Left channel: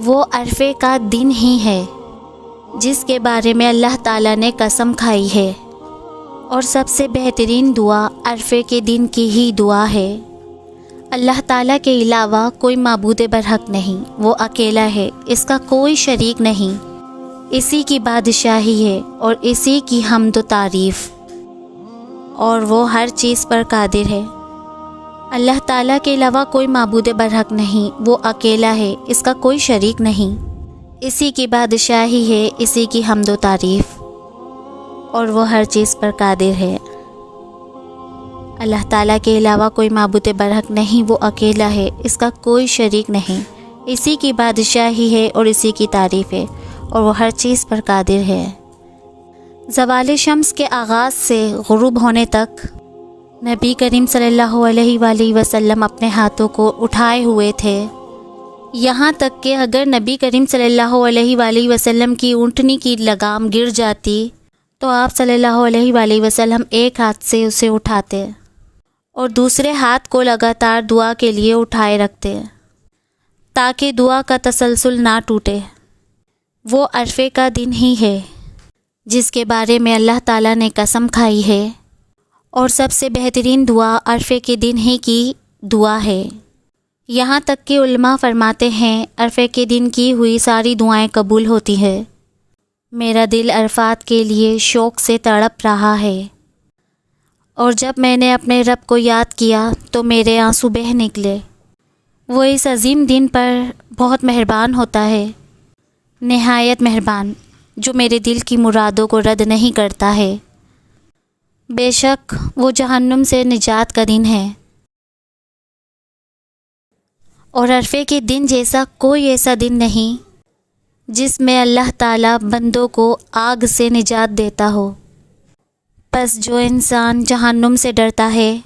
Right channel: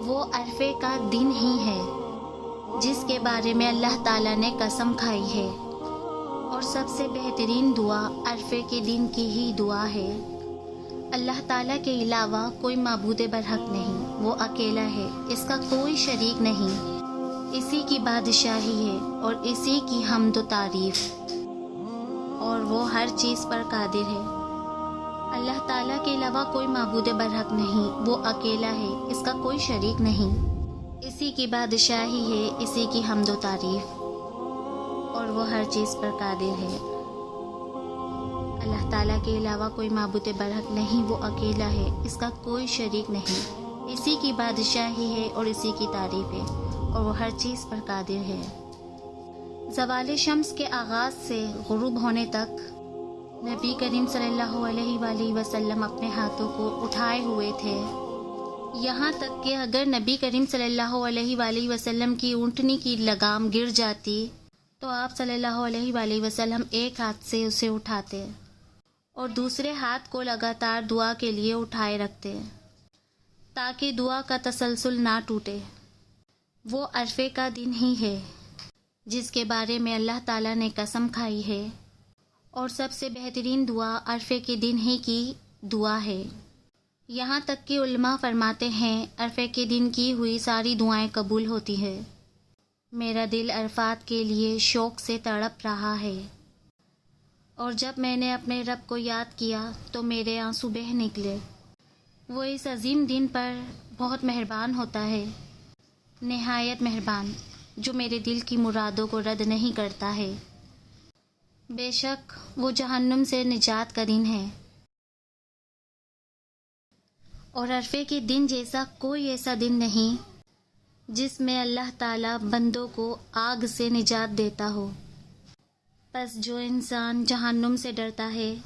وہ عرفے کا دن ہی ہے جس کے بارے میں اللہ تعالیٰ نے قسم کھائی ہے، اور سب سے بہترین دعا عرفے کے دن کی ہی دعا ہے۔ اللہ تعالیٰ کے علاوہ کوئی معبود برحق نہیں، وہ اکیلا ہے، اس کا کوئی شریک نہیں، اسی کی بادشاہی ہے اور اسی کی حمد و تعریف، اور وہ ہر چیز پر قادر ہے۔ اللہ تعالیٰ کے علاوہ کوئی معبود برحق نہیں، وہ اکیلا ہے، اس کا کوئی شریک نہیں، اسی کی بادشاہی ہے، اسی کی حمد و تعریف، اور وہ ہر چیز پر قادر ہے۔ اللہ تعالیٰ کے علاوہ کوئی معبود برحق نہیں، وہ اکیلا ہے، اس کا کوئی شریک نہیں، اسی کی بادشاہی ہے اور اسی کی تعریف ہے، اور وہ ہر چیز پر قادر ہے۔ زوال شمس کے آغاز سے غروب ہونے تک نبی کریم صلی اللہ علیہ وآلہ وسلم اپنے ہاتھوں کو اٹھائے ہوئے تھے، یہاں تک کہ اگر نبی کریم صلی اللہ علیہ وآلہ وسلم کی اونٹنی کی لگام گر جاتی تو آپ صلی اللہ علیہ وآلہ وسلم ایک ہاتھ سے اسے اٹھاتے اور دوسرے ہاتھ کو لگاتار دعا کے لیے اٹھائے رکھتے تاکہ دعا کا تسلسل نہ ٹوٹے۔ وہ عرفے کا دن ہی ہے جس کے بارے میں اللہ تعالیٰ نے قسم کھائی ہے، اور سب سے بہترین دعا عرفے کے دن ہی کی دعا ہے۔ یہاں تک کہ علماء فرماتے ہیں عرفے کے دن کی ہوئی ساری دعائیں قبول ہوتی ہیں۔ میرا دل عرفات کے لیے شوق سے تڑپ رہا ہے، اور جب میں نے اپنے رب کو یاد کیا تو میرے آنسو بہہ نکلے۔ وہ اس عظیم دن پر بہت مہربان ہوتا ہے، نہایت مہربان، جو میرے دل کی مرادوں کو رد نہیں کرتا ہے۔ بے شک وہ جہنم سے نجات کا دن ہے، اور عرفے کے دن جیسا کوئی ایسا دن نہیں جس میں اللہ تعالیٰ بندوں کو آگ سے نجات دیتا ہو۔ پس جو انسان جہنم سے ڈرتا ہے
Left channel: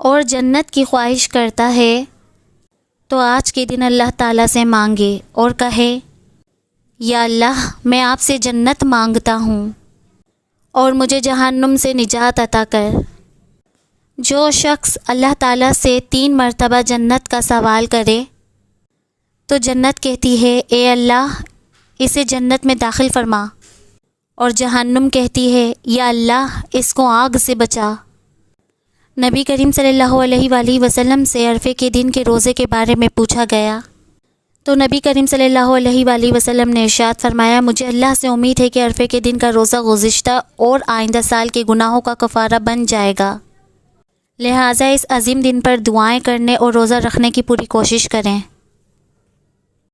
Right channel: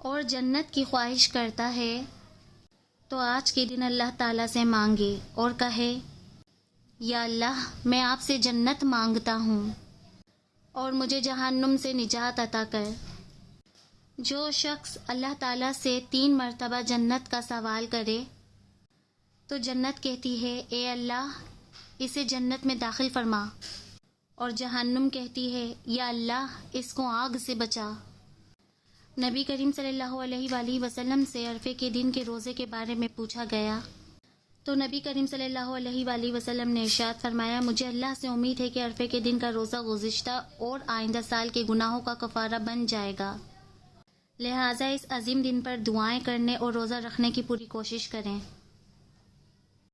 اور جنت کی خواہش کرتا ہے تو آج کے دن اللہ تعالیٰ سے مانگے اور کہے، یا اللہ میں آپ سے جنت مانگتا ہوں اور مجھے جہنم سے نجات عطا کر۔ جو شخص اللہ تعالیٰ سے 3 مرتبہ جنت کا سوال کرے تو جنت کہتی ہے، اے اللہ اسے جنت میں داخل فرما، اور جہنم کہتی ہے، یا اللہ اس کو آگ سے بچا۔ نبی کریم صلی اللہ علیہ وآلہ وسلم سے عرفے کے دن کے روزے کے بارے میں پوچھا گیا تو نبی کریم صلی اللہ علیہ وآلہ وسلم نے ارشاد فرمایا، مجھے اللہ سے امید ہے کہ عرفے کے دن کا روزہ گزشتہ اور آئندہ سال کے گناہوں کا کفارہ بن جائے گا، لہٰذا اس عظیم دن پر دعائیں کرنے اور روزہ رکھنے کی پوری کوشش کریں۔